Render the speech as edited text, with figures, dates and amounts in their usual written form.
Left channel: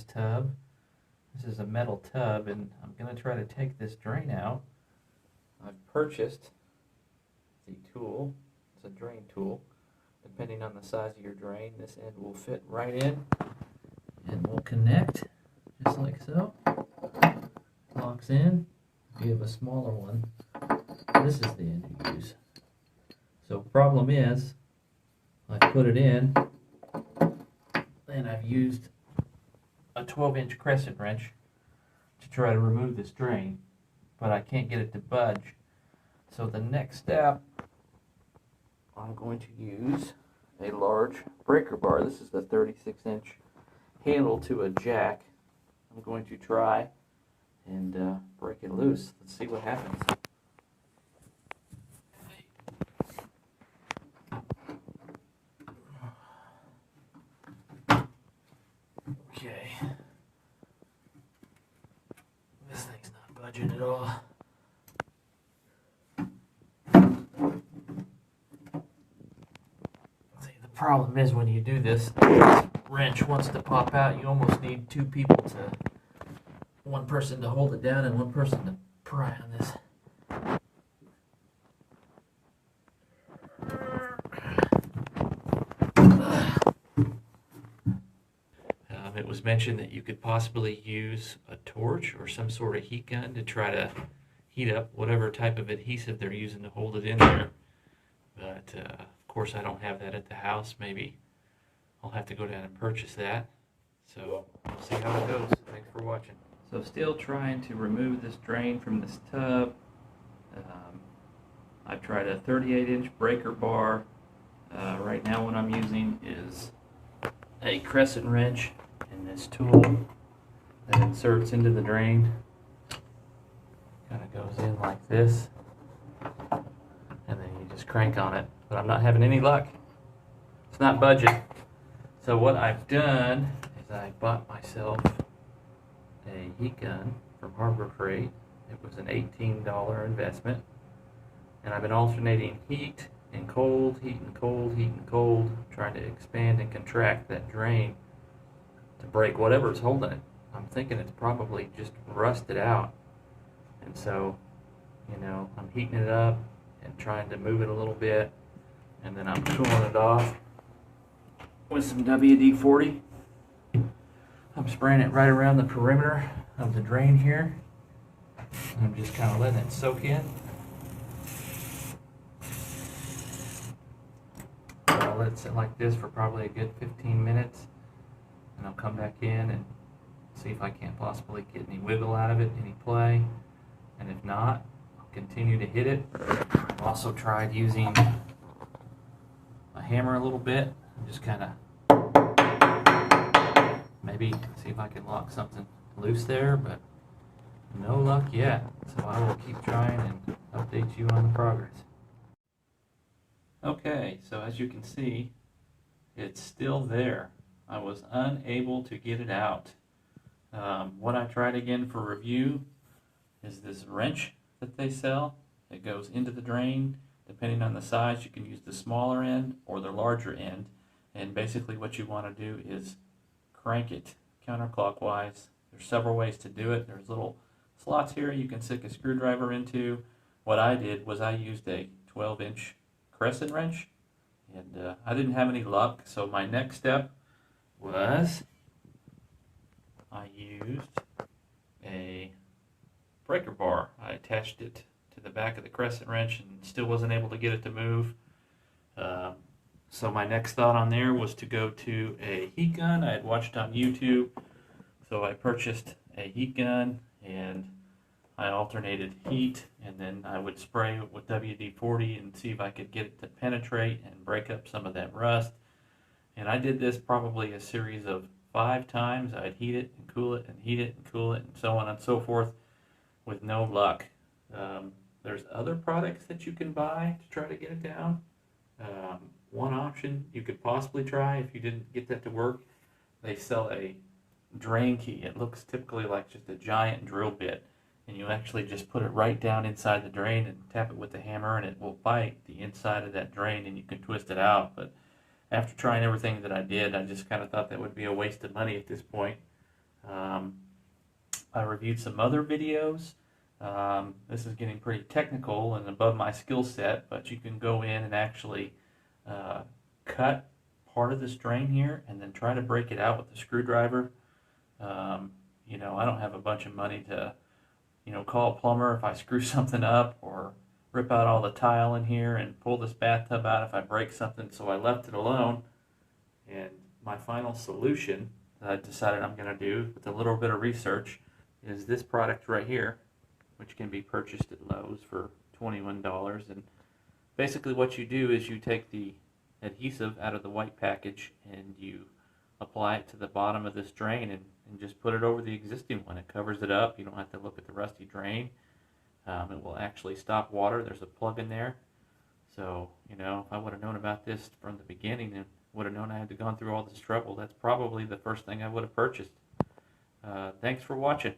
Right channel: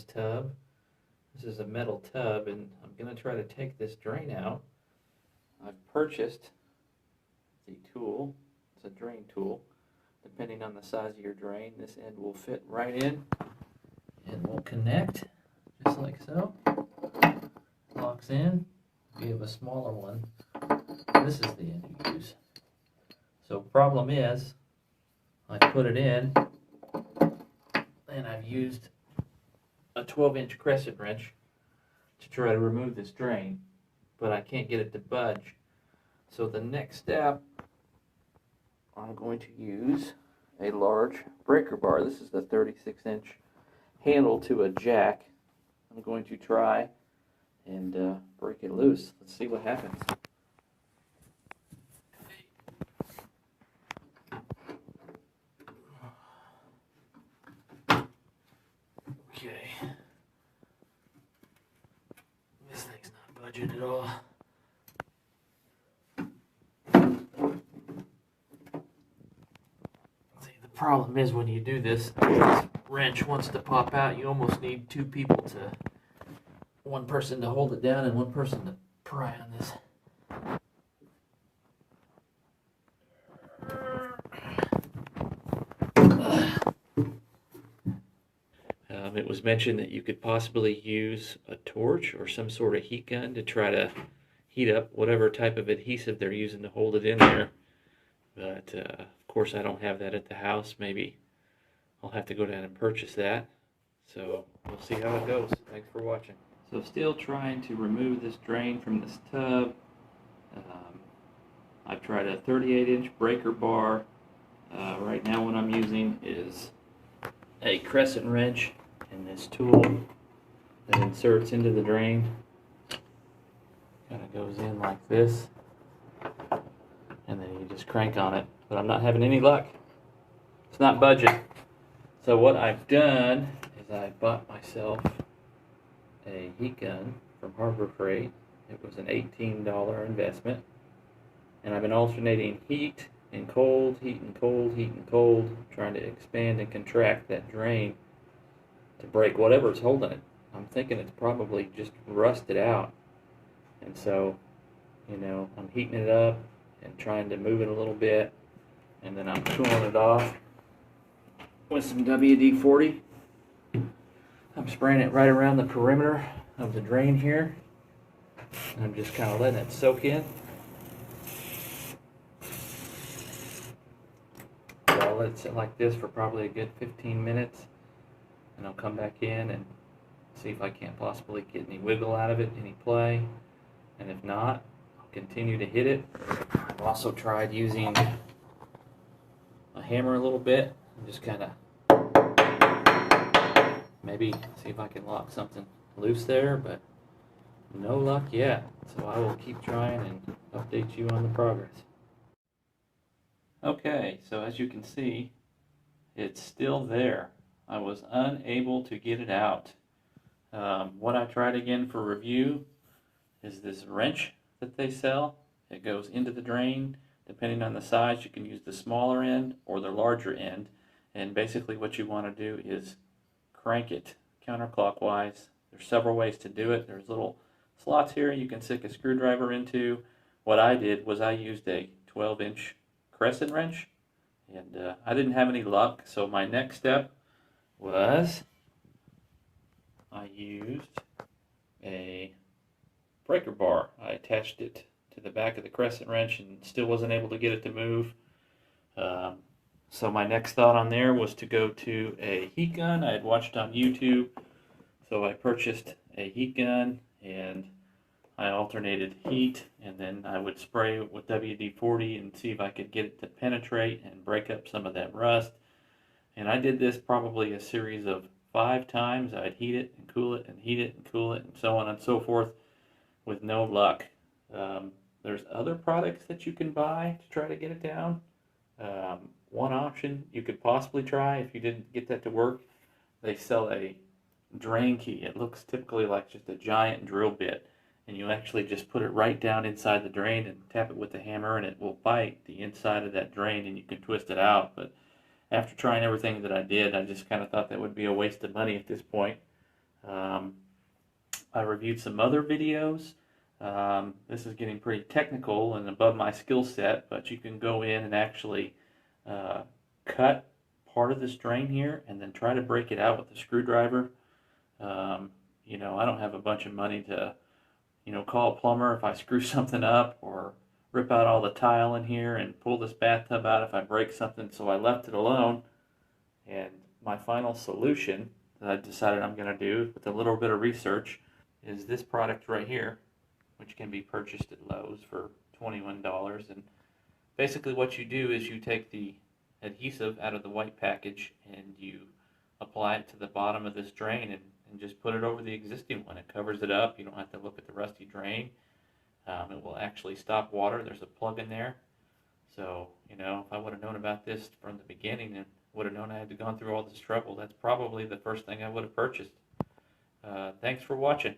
this tub. This is a metal tub, and I'm going to try to take this drain out. I've purchased the tool. It's a drain tool. Depending on the size of your drain, this end will fit right in and will connect just like so. Locks in. If you have a smaller one, this is the end you use. So problem is, I put it in and I've used a 12-inch crescent wrench to try to remove this drain, but I can't get it to budge. So the next step, I'm going to use a large breaker bar. This is the 36-inch handle to a jack. I'm going to try and break it loose. Let's see what happens. Okay. This thing's not budging at all. The problem is when you do this wrench wants to pop out, you almost need two people to, one person to hold it down and one person to pry on this. It was mentioned that you could possibly use a torch or some sort of heat gun to try to heat up whatever type of adhesive they're using to hold it in there. But of course I don't have that at the house. Maybe I'll have to go down and purchase that. So we'll see how it goes. Thanks for watching. So still trying to remove this drain from this tub. I've tried a 38-inch breaker bar. Right now what I'm using is a crescent wrench and this tool that inserts into the drain. Kind of goes in like this, and then you just crank on it. But I'm not having any luck. It's not budging. So what I've done is I bought myself a heat gun from Harbor Freight. It was an $18 investment, and I've been alternating heat and cold, heat and cold, heat and cold, trying to expand and contract that drain to break whatever's holding it. I'm thinking it's probably just rusted out, and so, you know, I'm heating it up and trying to move it a little bit, and then I'm cooling it off with some WD-40. I'm spraying it right around the perimeter of the drain here, and I'm just kind of letting it soak in. So I'll let it sit like this for probably a good 15 minutes, and I'll come back in and see if I can't possibly get any wiggle out of it, any play, and if not, I'll continue to hit it. I've also tried using a hammer a little bit and just kind of maybe see if I can lock something loose there, but no luck yet. So I will keep trying and update you on the progress. Okay, so as you can see, it's still there. I was unable to get it out. What I tried again for review is this wrench that they sell. It goes into the drain. Depending on the size, you can use the smaller end or the larger end. And basically what you want to do is crank it counterclockwise. There's several ways to do it. There's little slots here you can stick a screwdriver into. What I did was I used a 12-inch crescent wrench, and I didn't have any luck, so my next step was I used a breaker bar. I attached it to the back of the crescent wrench and still wasn't able to get it to move. So my next thought on there was to go to a heat gun. I had watched on YouTube, so I purchased a heat gun and I alternated heat, and then I would spray it with WD-40 and see if I could get it to penetrate and break up some of that rust. And I did this probably a series of 5 times. I'd heat it and cool it and heat it and cool it and so on and so forth with no luck. There's other products that you can buy to try to get it down. One option you could possibly try if you didn't get that to work, they sell a drain key. It looks typically like just a giant drill bit, and you actually just put it right down inside the drain and tap it with the hammer, and it will bite the inside of that drain and you can twist it out. But after trying everything that I did, I just kind of thought that would be a waste of money at this point. I reviewed some other videos. This is getting pretty technical and above my skill set, but you can go in and actually cut part of this drain here and then try to break it out with a screwdriver. You know, I don't have a bunch of money to, you know, call a plumber if I screw something up, or rip out all the tile in here and pull this bathtub out if I break something, so I left it alone. And my final solution that I decided I'm going to do with a little bit of research is this product right here, which can be purchased at Lowe's for $21. And basically what you do is you take the adhesive out of the white package and you apply it to the bottom of this drain, and just put it over the existing one. It covers it up. You don't have to look at the rusty drain. It will actually stop water. There's a plug in there. So, you know, if I would have known about this from the beginning and would have known I had to gone through all this trouble, that's probably the first thing I would have purchased. Thanks for watching.